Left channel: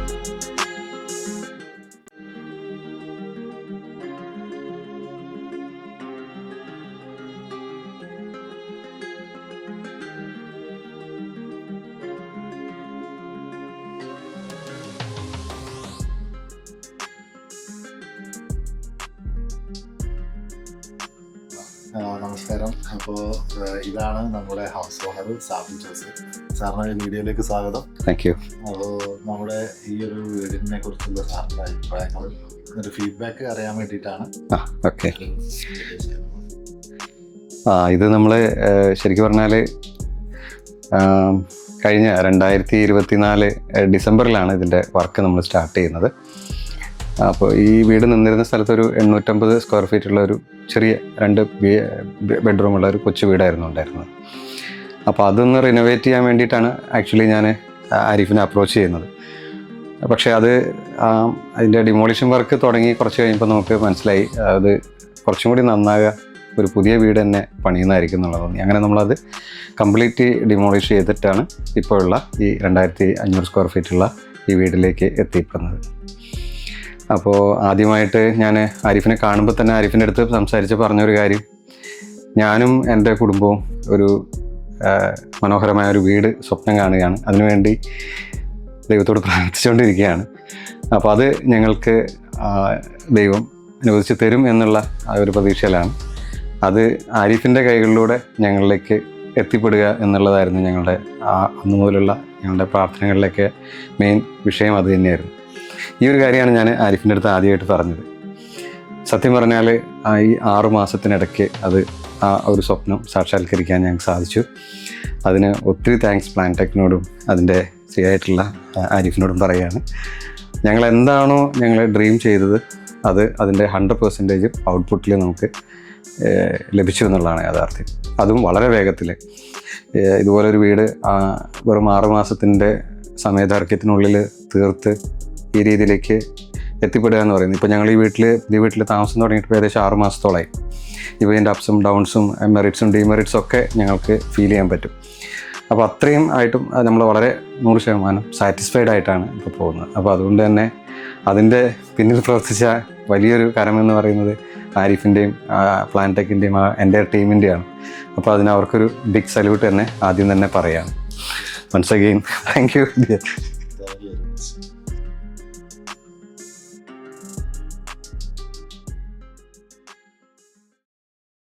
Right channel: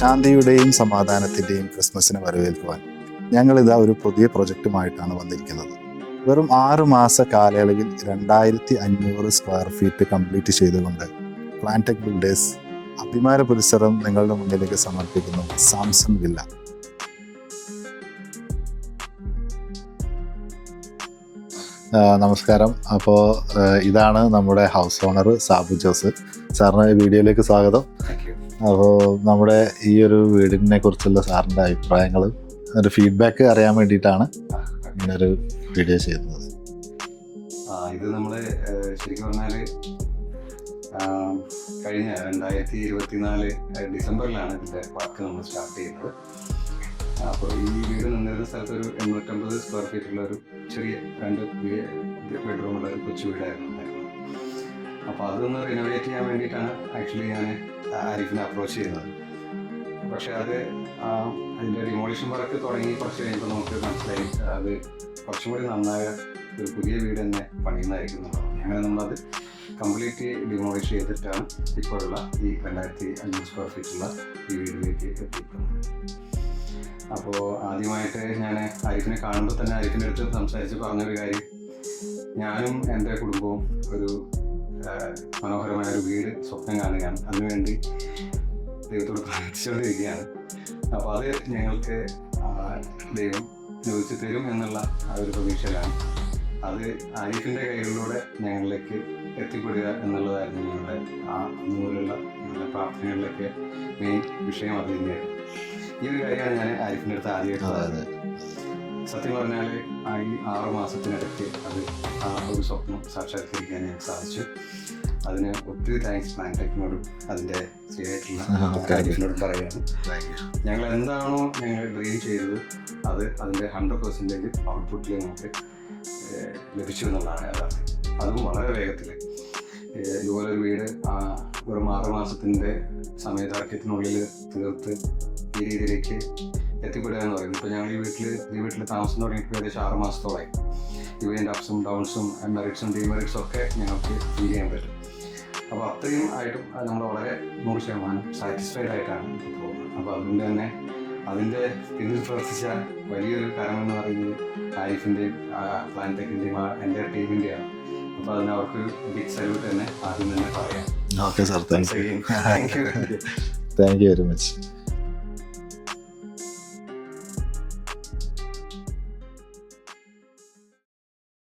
ശാന്തിയുടെയും സമാധാനത്തിൻ്റെയും ക്രിസ്മസിനെ വരവേൽക്കുവാൻ ഞങ്ങളിതാ ഒരു പുതിയ പ്രൊജക്റ്റുമായിട്ടാണ് വന്നിരിക്കുന്നത്. വെറും 6 മാസ കാലയളവിൽ 2500 സ്ക്വയർ ഫീറ്റ് കംപ്ലീറ്റ് ചെയ്തുകൊണ്ട് പ്ലാന്റെക് ബിൽഡേഴ്സ് അഭിമാന പുരസ്സരം നിങ്ങളുടെ മുന്നിലേക്ക് സമർപ്പിക്കുന്നു. സാംസൺ വില്ല. നമസ്കാരം. അപ്പോൾ ഇതാണ് നമ്മുടെ ഹൗസ് ഓണർ സാബു ജോസ്. സാറിന് വീഡിയോയിലേക്ക് സ്വാഗതം. Thank you. അപ്പോൾ നമ്മുടെ ഈ ഒരു വീടിനെ കുറിച്ചുള്ള സാറിൻ്റെ അഭിപ്രായങ്ങൾ, ഒരു ഫീഡ്ബാക്ക് അറിയാൻ വേണ്ടിയിട്ടാണ് ഒരു വീഡിയോ ചെയ്യുന്നത്. ഇത് നമ്മൾ ശരിക്കും പറഞ്ഞാൽ കഴിഞ്ഞ 2024 ഡിസംബറിലാണ് ഇതിൻ്റെ വർക്ക് നമ്മൾ സ്റ്റാർട്ട് ചെയ്യുന്നത്. അപ്പോൾ ഈ വീട് നിന്നിരുന്ന സ്ഥലത്ത് ഒരു 850 സ്ക്വയർ ഫീറ്റുള്ള ഒരു ചെറിയ 2 ബെഡ്റൂമുള്ള ഒരു കൊച്ചു വീടായിരുന്നു ഉണ്ടായിരുന്നത്. അപ്പോൾ അതൊന്ന് റിനോവേറ്റ് ചെയ്യാൻ വേണ്ടിയിട്ടാണ് ആക്ച്വലി ഞാൻ ആരിഫിനെ അപ്രോച്ച് ചെയ്യുന്നത്. പക്ഷേ അതിൻ്റെ ഡിമോളിഷൻ വർക്ക് തുടങ്ങി കുറച്ച് കഴിഞ്ഞപ്പോൾ നമുക്ക് മനസ്സിലായി അത് കുറച്ചും കൂടി നന്നാകുക ഒരു പുതിയ വീട് തന്നെ പണിയുന്നതായിരിക്കും എന്നുള്ളത് തോന്നി. അങ്ങനെ നമ്മളത് കംപ്ലീറ്റ് ഡിമോളിഷ് ചെയ്തിട്ടാണ് ഇപ്പോഴുള്ള ഈ 2500 സ്ക്വയർ ഫീറ്റുള്ള ഈ വീട്ടിലേക്ക് എത്തിപ്പെടുന്നത്. അപ്പോൾ ആദ്യമായിട്ട് ഞാൻ ആരിഫിനെ കാണുമ്പോൾ തന്നെ ആരിഫിൻ്റെ അടുത്ത് സംസാരിച്ച് പറഞ്ഞൊരു കാര്യം, ഞാനും എൻ്റെ കുടുംബവും ഒരു മനോഹരമായ ഒരു വീട് സ്വപ്നം കാണുകയാണ്, അതിനുവേണ്ടി ദൈവത്തോട് പ്രാർത്ഥിച്ചുകൊണ്ടിരിക്കുകയാണ്. അപ്പോൾ അത് ഞങ്ങൾക്ക് ദൈവം അനുവദിച്ച് തരും എന്നുള്ള ആ ഒരു പ്രതീക്ഷയിലാണ്. അത് ആരിഫിൻ്റെ കൈകളിലൂടെ ഞങ്ങളിലേക്ക് എത്തിപ്പെടുക എന്നുള്ളതായിരുന്നു ഞങ്ങളുടെ അന്നു മുതലുള്ള ഞങ്ങളുടെ പ്രാർത്ഥനകളിലൊക്കെ മെയിൻ വിഷയം അത് തന്നെയായിരുന്നു. ഈ ഒരു കാര്യമാണ് ഞാൻ ആരിഫിൻ്റെ അടുത്ത് ആദ്യമായിട്ട് പറഞ്ഞത്. സത്യം പറഞ്ഞാൽ ഈ 6 മാസത്തിനിടയ്ക്ക് ആ ഒരു സ്വപ്നം സാക്ഷാത്കരിക്കാൻ ഞങ്ങൾക്ക് സാധിച്ചു. അതിന് ഒത്തിരി താങ്ക്സ് പ്ലാന്റെക്കിനോടും അതിൻ്റെ ആയിട്ടുള്ള ആരിഫിനോടും പറയുകയാണ്. ഞങ്ങൾ എന്താണോ ഞങ്ങൾ ഡ്രീം ചെയ്തത് അതിൻ്റെ 100% ഔട്ട്പുട്ടിൽ നമുക്ക് ലഭിച്ചു എന്നുള്ളതാണ് യാഥാർത്ഥ്യം. അതും വളരെ വേഗത്തിൽ. ഇതുപോലൊരു വീട് വെറും 6 മാസത്തിൻ്റെ സമയദൈർഘ്യത്തിനുള്ളിൽ തീർത്ത് ഈ രീതിയിലേക്ക് എത്തിപ്പെടുക എന്ന് പറയുന്നത്. ഇപ്പോൾ ഞങ്ങൾ ഈ വീട്ടിൽ താമസം തുടങ്ങിയിട്ട് ഏകദേശം 6 മാസത്തോളമായി. ഇപ്പോൾ ഇതിൻ്റെ അപ്സും ഡൗൺസും മെറിറ്റ്സും ഡിമെറിറ്റ്സും ഒക്കെ ഞങ്ങൾക്ക് ഫീൽ ചെയ്യാൻ പറ്റും. അപ്പോൾ അത്രയും ആയിട്ടും നമ്മൾ വളരെ 100% സാറ്റിസ്ഫൈഡ് ആയിട്ടാണ് ഇപ്പോൾ പോകുന്നത്. അപ്പോൾ അതുകൊണ്ട് തന്നെ അതിൻ്റെ പിന്നിൽ പ്രവർത്തിച്ച വലിയൊരു കരമെന്ന് പറയുന്നത് ആരിഫിൻ്റെയും പ്ലാന്റെക്കിൻ്റെയും എൻ്റെ ടീമിൻ്റെയാണ്. അപ്പോൾ അതിന് അവർക്കൊരു ബിഗ് സല്യൂട്ട് തന്നെ ആദ്യം തന്നെ പറയാം. Okay sir, once again thank you very much.